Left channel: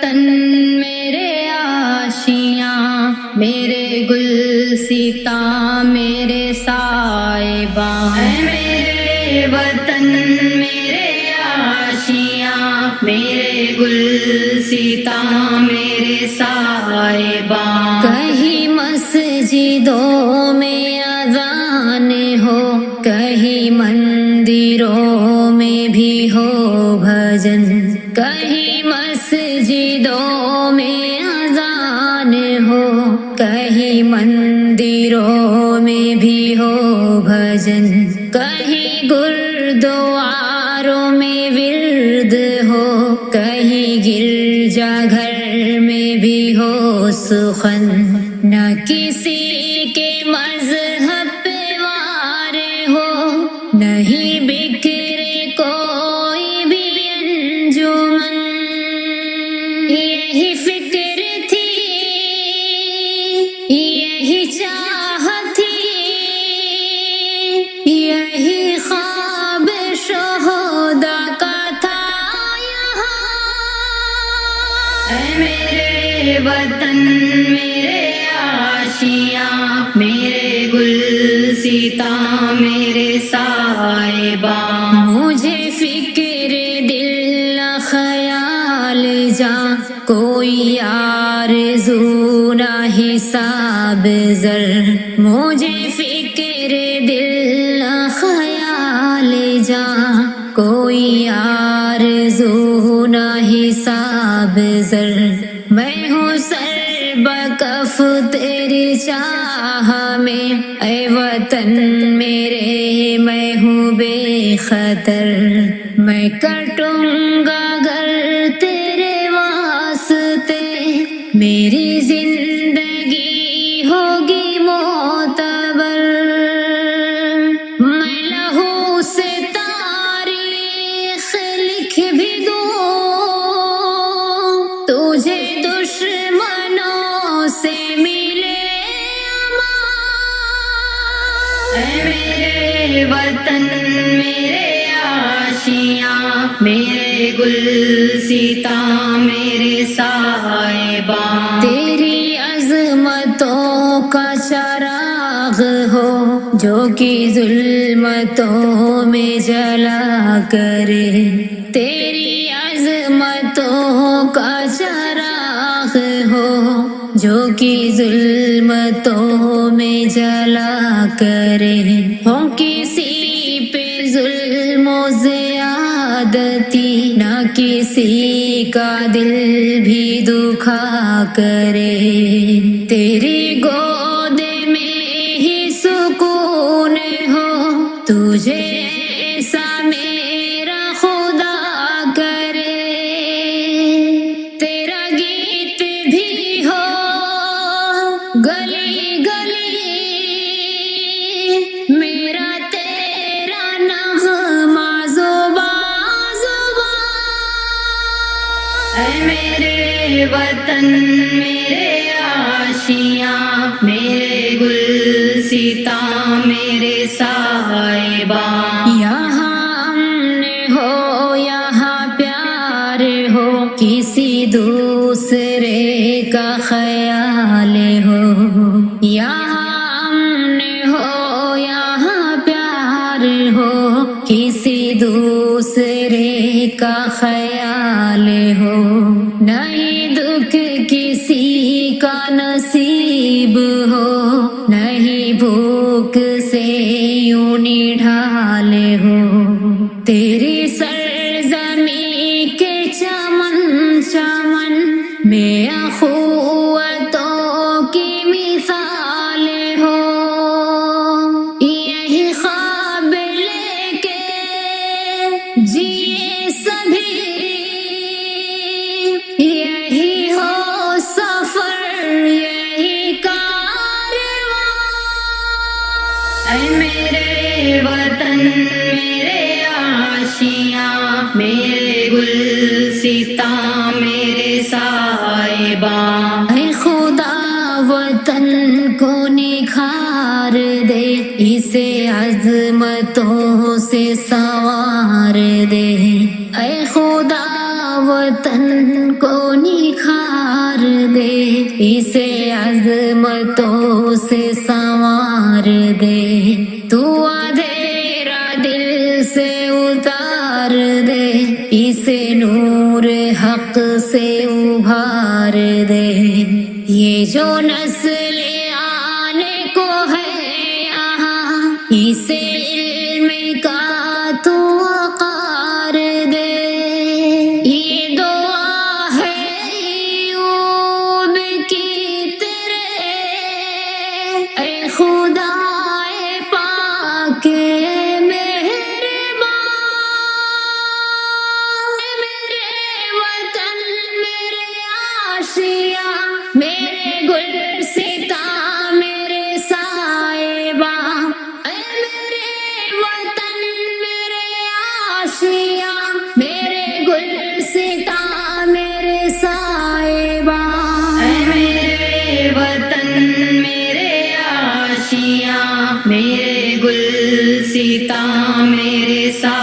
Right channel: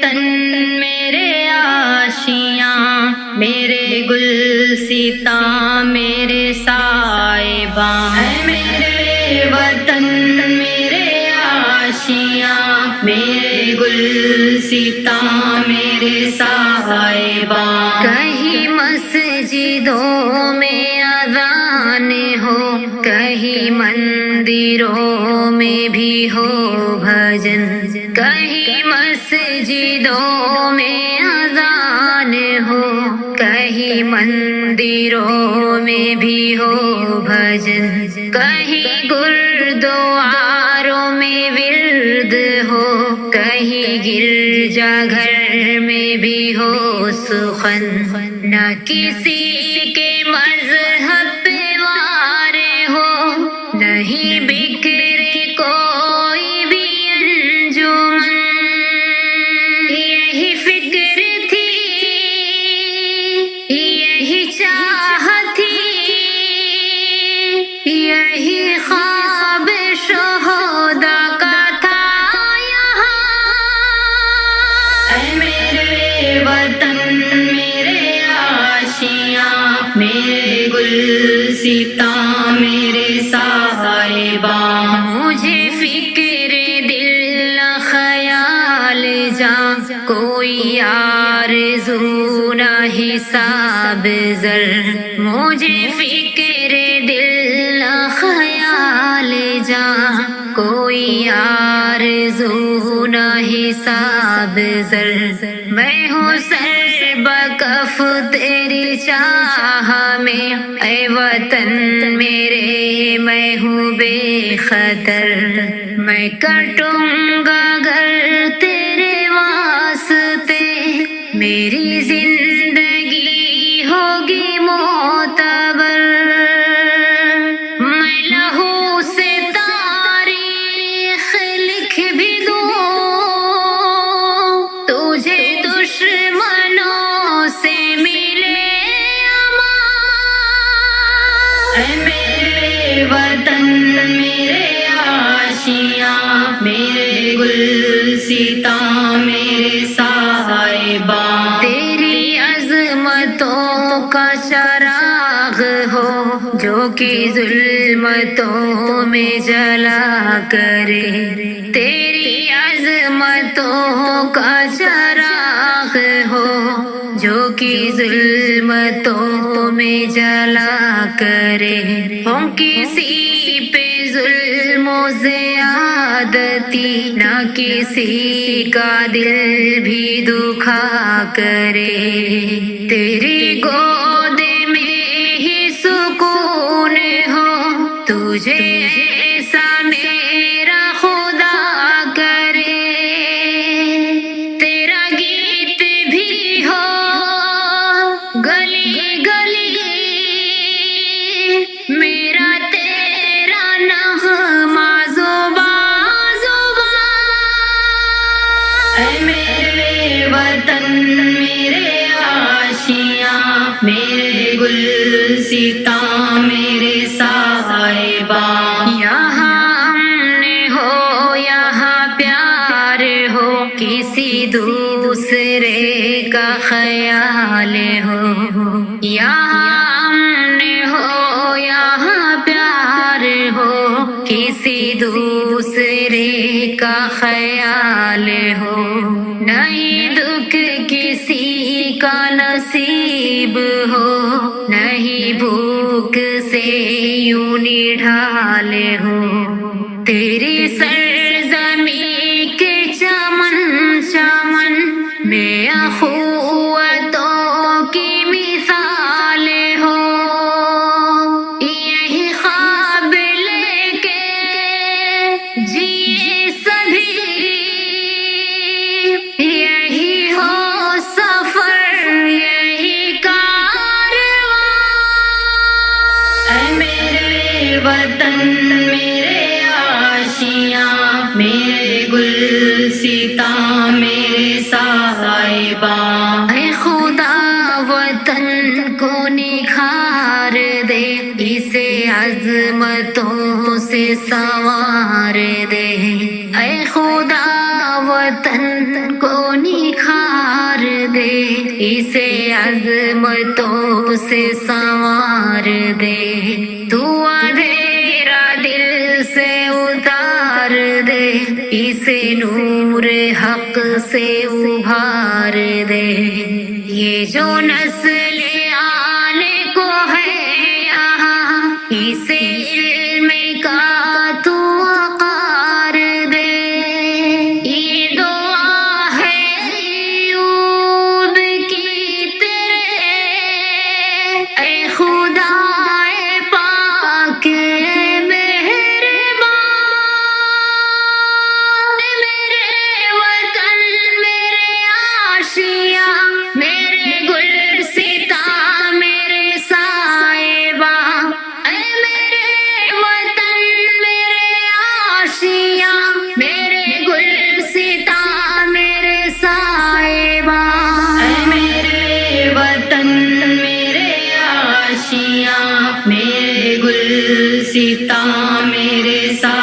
وطن میرے آشیاں، میرے گلستاں میرے سائباں، اے میرے وطن میرے آشیاں، میرے گلستاں میرے سائباں۔ کہیں مسجدوں میں اذان ہو، کہیں مندروں میں بھی ہو بھجن، کہیں مسجدوں میں اذان ہو، کہیں مندروں میں بھی ہو بھجن، کہیں گردواروں میں ورد ہو، کہیں گرجا گھر میں بھی ہو سخن، نہ کسی کے مذہب پہ وار ہو، نہیں بکھرے کوئی بھی انجمن۔ یہی فکر تھی، یہی چاہت تھی، یہی خواب شہداء کا تھا یہاں۔ اے میرے وطن میرے آشیاں، میرے گلستاں میرے سائباں۔ مجھے فکر دل نہ خیال جا، کوئی آرزو نہ حساب زر، مجھے فکر دل نہ خیال جا، کوئی آرزو نہ حساب زر، میں ہوں سر بکف تیری چاہ میں، اے وطن میرے میں ہوں بے خطر، میں کٹوں گا گر تیرے واسطے، میری زندگی ہوگی معتبر، میں لہو سے تاریخ لکھ بھی دوں، تجھے دشمنوں سے ملے امان۔ اے میرے وطن میرے آشیاں، میرے گلستاں میرے سائباں۔ تیری عظمتوں کا چراغ ہو، جو کہ ظلمتوں میں جلا کرے، تیری عظمتوں کا چراغ ہو، جو کہ ظلمتوں میں جلا کرے، ہوں کسی پہ ظلم و زیادتی، نہ کسی کا دل بھی دکھا کرے، تیری گود میں ہی سکون ہو، تجھے ایسا میرا خدا کرے، تیرا گیت بھی ہو گلی گلی، میرا تیرا نغمہ زباں زباں۔ اے میرے وطن میرے آشیاں، میرے گلستاں میرے سائباں۔ یہاں امن ہو، یہاں پیار ہو، کسی دوسرے کا خیال ہو، یہاں امن ہو، یہاں پیار ہو، کسی دوسرے کا خیال ہو، نہیں دکھ کسی کا نصیب ہو، نہیں بھوک سے یوں نڈھال ہو، تیری سرزمین کے چمن چمن میں اخوتوں کی مثال ہو، یہی خواب لے کے جیے سبھی، یہی ہو سفر یہی کارواں۔ اے میرے وطن میرے آشیاں، میرے گلستاں میرے سائباں۔ اے خدا وطن کو نکھار دے، اسے عظمتوں سے سنوار دے، اے خدا وطن کو نکھار دے، اسے عظمتوں سے سنوار دے، تو اندھیرا دل سے اتار دے، اسے نور حق سے ابھار دے۔ یہ جو نسل آنے کو ہے یہاں، اسے علم کا تو وقار دے۔ یہ دعا ہے ایوب کی تیرے، اے خدا اے پاک مہربان، میرے وطن میرے آشیاں، میرے گلستاں میرے صاحباں، اے میرے وطن میرے آشیاں، میرے گلستاں میرے صاحباں، اے میرے وطن میرے آشیاں، میرے گلستاں میرے صاحباں۔